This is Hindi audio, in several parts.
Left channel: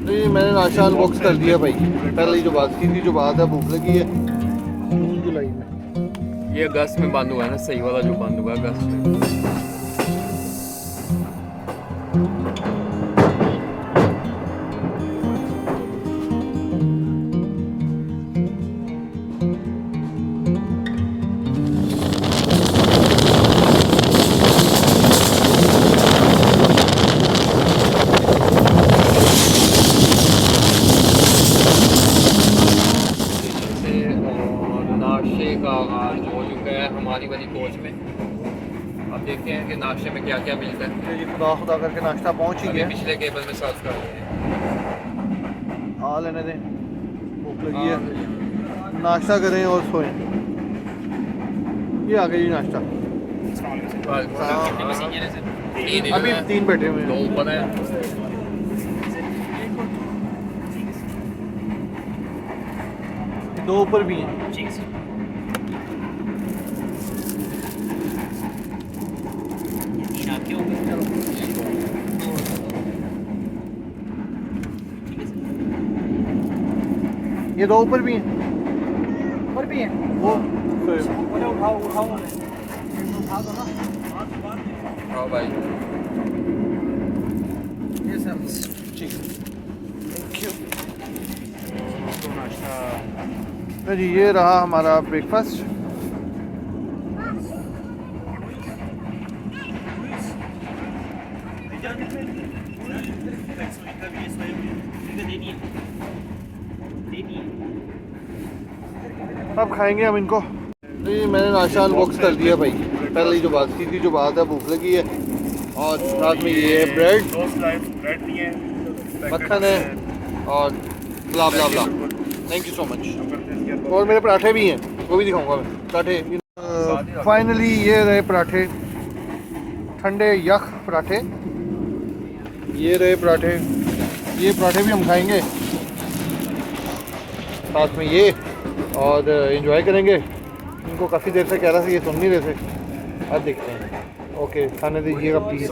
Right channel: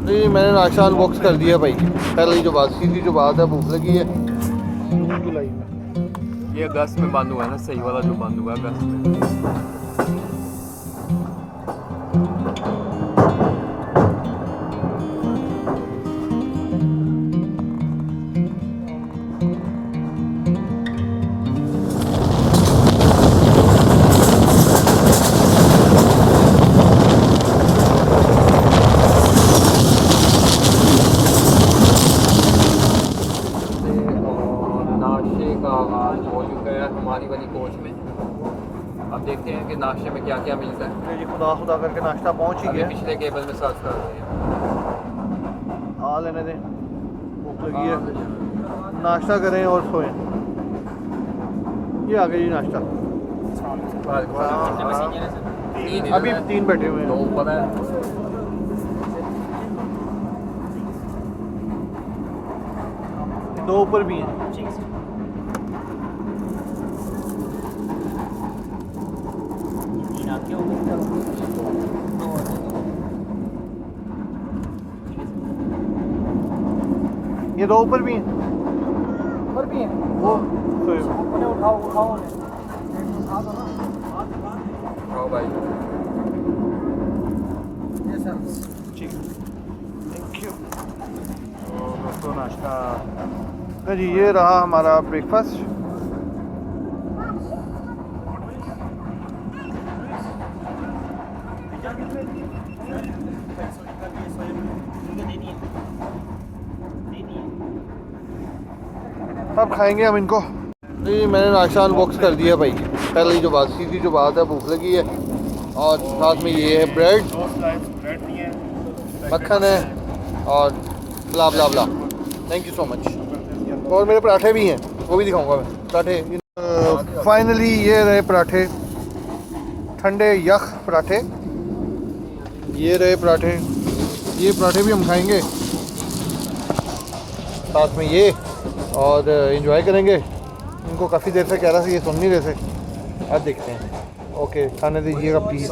नहीं मैंने नाश्ता अनबॉक्स कर दिया भाई। पहले ही जो बात सीधी जो बात है, भूख लगी है। जुलाई में ये अगस्त में बंद हुआ है ना, सही वाला जो बंद हुआ अगस्त में। नाश्ते का आगाज़ हो चुका है हमारी वाली कोच में। अब देखते हैं कि नाश्ते में क्या क्या मिलता है। जी खुदा खुदा करके नाश्ता पहुंच ही अभी गया। पिछले केबल में सर्च कर रहे हैं। आ लेने दें, भूख लगी है। नाश्ता करें और सोएं। ये आ गई जी नाश्ता। अभी 3 बैठे हुए दो हैं। ऊपर है। दो ऊपर भी हैं। ये दो ऊपर भी हैं। ऊपर भी है वो ऊपर उठाओ उठाओ हाँ भाई, ये सर नाश्ता जी। ये रहा हमारा ब्रेकफास्ट। अब खाएंगे हम इनको। नहीं मैंने नाश्ता अनबॉक्स कर दिया भाई। पहले ही जो बात सीधी जो बात है, भूख लगी है। और साथ में ये है ब्रेड, मक्खन है और blah blah blah. Thank you so much. और मेरे पराठे भी हैं, वो भी दिखाऊंगा मैं पराठे। फाइनली ये रहे पराठे, ठंडे यख पराठे। ये रहे पराठे, ये पराठे भी हम खाएंगे साथ में ये, और एंजॉय करेंगे। इनको काफ़ी देर से कह रहा था, ये सुन नहीं रहे थे। अब देखते हैं। ओके खाने दीजिएगा प्लीज़।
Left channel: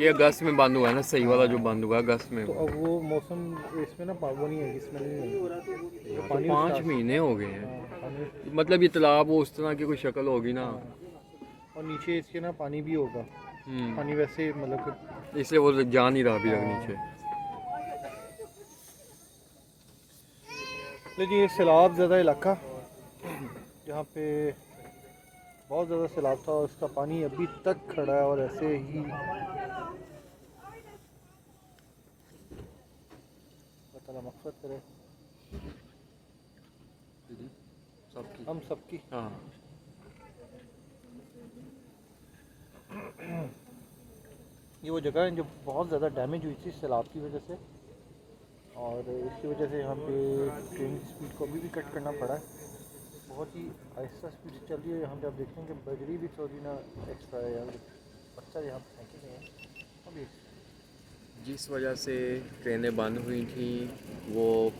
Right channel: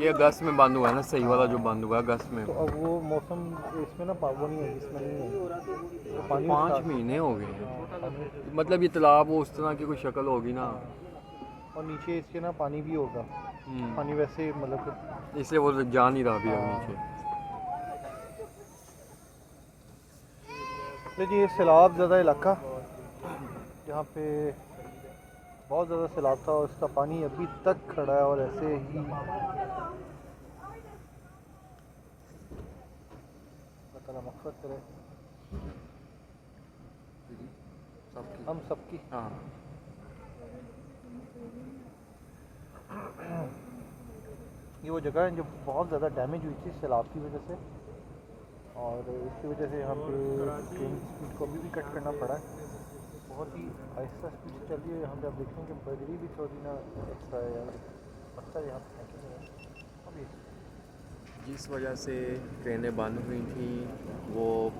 ये अगस्त में बंद हुआ है ना, सही वाला जो बंद हुआ है अगस्त में। तो अब वो मौसम इसमें ना वो नहीं है, इसमें नहीं है तो पानी 5 महीने हो गए हाँ, हैं। पानी मतलब ये तालाब वो उस तरह की कोई शक्ल होगी ना। हाँ। और नीचे इसके ना पानी भी होगा, पानी वैसे मतलब कि इसलिए वो जा नहीं रहा अभी तक हाँ। नीचे। लेकिन ये सैलाब ज़्यादा इलाका जहाँ पे बहुत ज़्यादा सैलाब था और उसका पानी अभी तक खड़ा है और ऐसे ही अल्लाह ताला मग़फ़िरत करे हम सबकी। हाँ ये वो जगह है जो बहुत ज़्यादा डैमेज हुई थी सैलाब की वजह से और इसकी वजह से यहाँ पे ट्रेन की स्पीड को अभी भी कट करना पड़ा है। बहुत ही आहिस्ता स्पीड से चल रही है। यहाँ पे आप देखें कि बजरी भी थोड़ी ना एक्स्ट्रा है यार, पत्थर यहाँ पे फेंके हुए हैं अभी। जिस वजह से ट्रेनें बंद हुई थी वो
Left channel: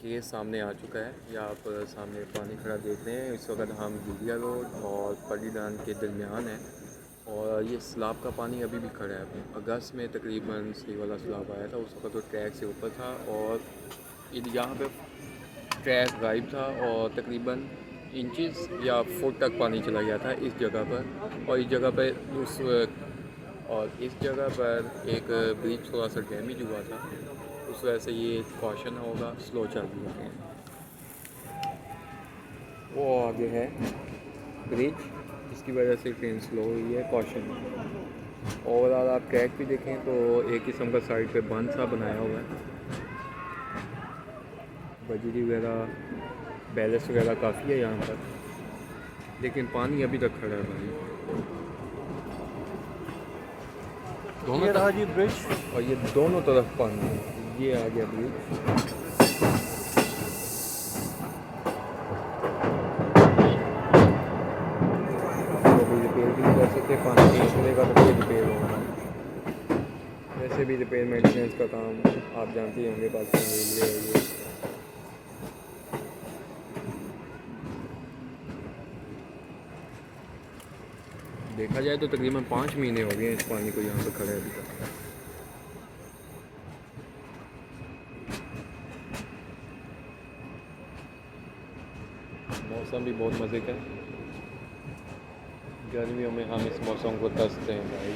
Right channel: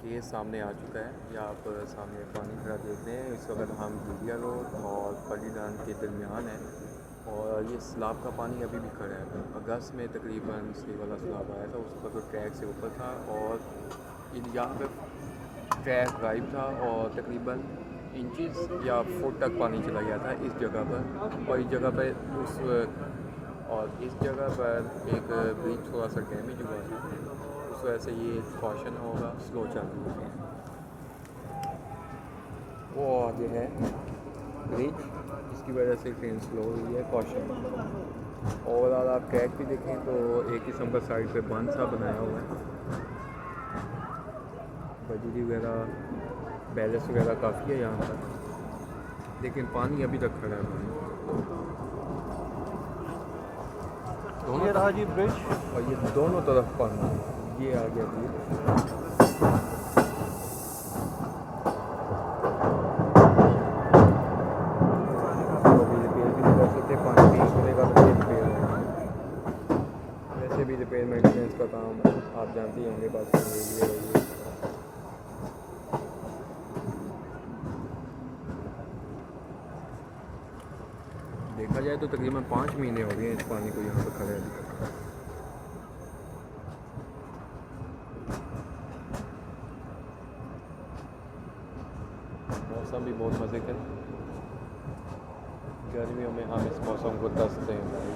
केस सामने आ चुका है। या आप सामने पानी खड़ा देख रहे हैं। इस वक्त हम गुलिया रोड और पल्लीदान के दरमियान है और ये सैलाब का पानी अभी भी खड़ा है। अगस्त में तकरीबन सी वाला सैलाब आया था, उस वक्त तो ट्रैक से ऊपर था और यहाँ पे ट्रैक गायब था और तकरीबन इंचेस या फुट तक पानी चला गया था इस जगह पर। और इस जगह पर एक ब्रिज थोड़ा सा डैमेज हुआ था, उस वजह से ये कॉशन होगा स्लो चल रही है। वो आगे है ब्रिज, इसकी वजह से ट्रेन स्लो हुई है, कॉशन। और अगर आप ट्रैक भी देखें तो एक किस्म का साइड पे बंद सा बनाया हुआ है। बजरी वगैरह बैलेंस वगैरह काफ़ी है यहाँ पर, लेकिन पानी अभी तक खड़ा है। पानी ये रहा जी ब्रिज और ये दोनों तरफ पानी। ये आ गया ब्रिज। वैसे भी रिपेयर मेंटेनेंस का काम आप जानते हैं, हमारे पास ये देखा जाए तो तकरीबन 5 महीने हो गए हैं इस पानी को यहाँ पर खड़े अभी तक। मौसम भी बहुत मज़े का है। गर्मियों में हम इस मौसम को तरसते हैं भाई।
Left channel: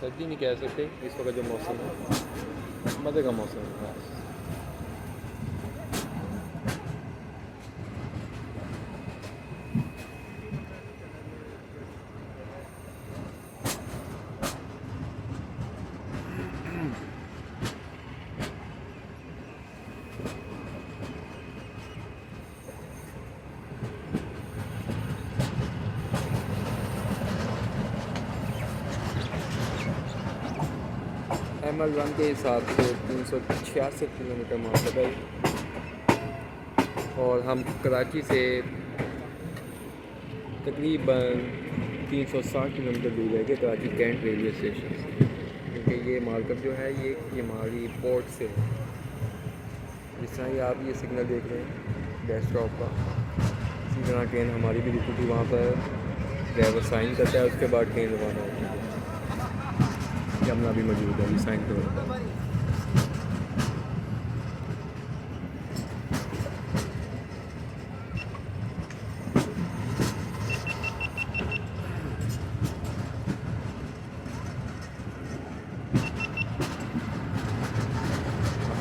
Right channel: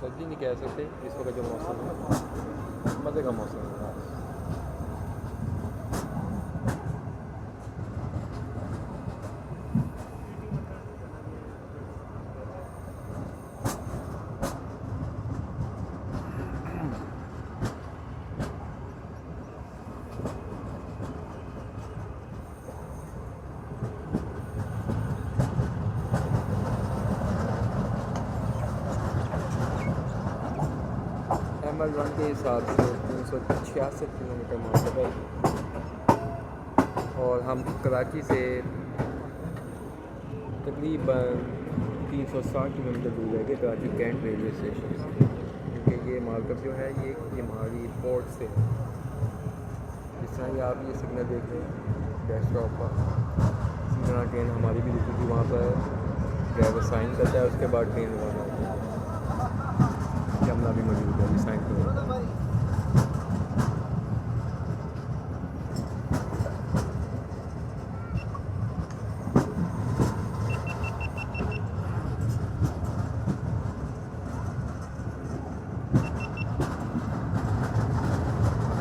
सर्दी नहीं कह सकते इस वक्त जो मौसम है, मज़े का मौसम है। ML1 के हिसाब से 366 किलोमीटर मरतबा और हम कराची से तकरीबन 360 किलोमीटर दूर है कि कराची कैंट रेलवे स्टेशन से, क्योंकि ये मार्कअप जो है ये हमारी पोर्ट से। जिस तरह ही आप ये सिग्नल देख रहे हैं डैश स्टॉप पर, इसी तरह ट्रेन हमारी भी रुकी थी। वहाँ पर ड्राइवर साइन करता है, उसके बाद ट्रेन रवाना होती है। कैमरा भी मौजूद है, ये साइन करवाता है।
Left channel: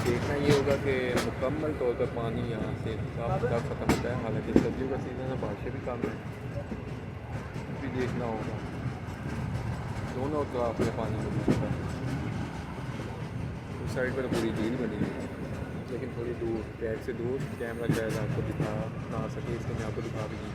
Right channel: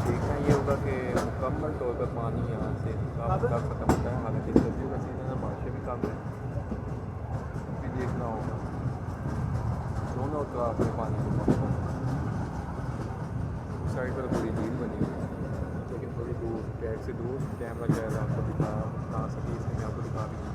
देखना ये होगा कि मुकम्मल तौर पर पानी यहाँ से ख़त्म होता है। हालांकि सर्दियों का सीज़न है, बारिशें भी कम है, भी देखना होगा दोनों तरफ में पानी। उस साइड पर पूरी झील बनी है, लेकिन थोड़ी दूर ट्रैक से दूर कैमरा शायद आपको दिखा ना सके, इसलिए मैं आपको दिखा भी नहीं।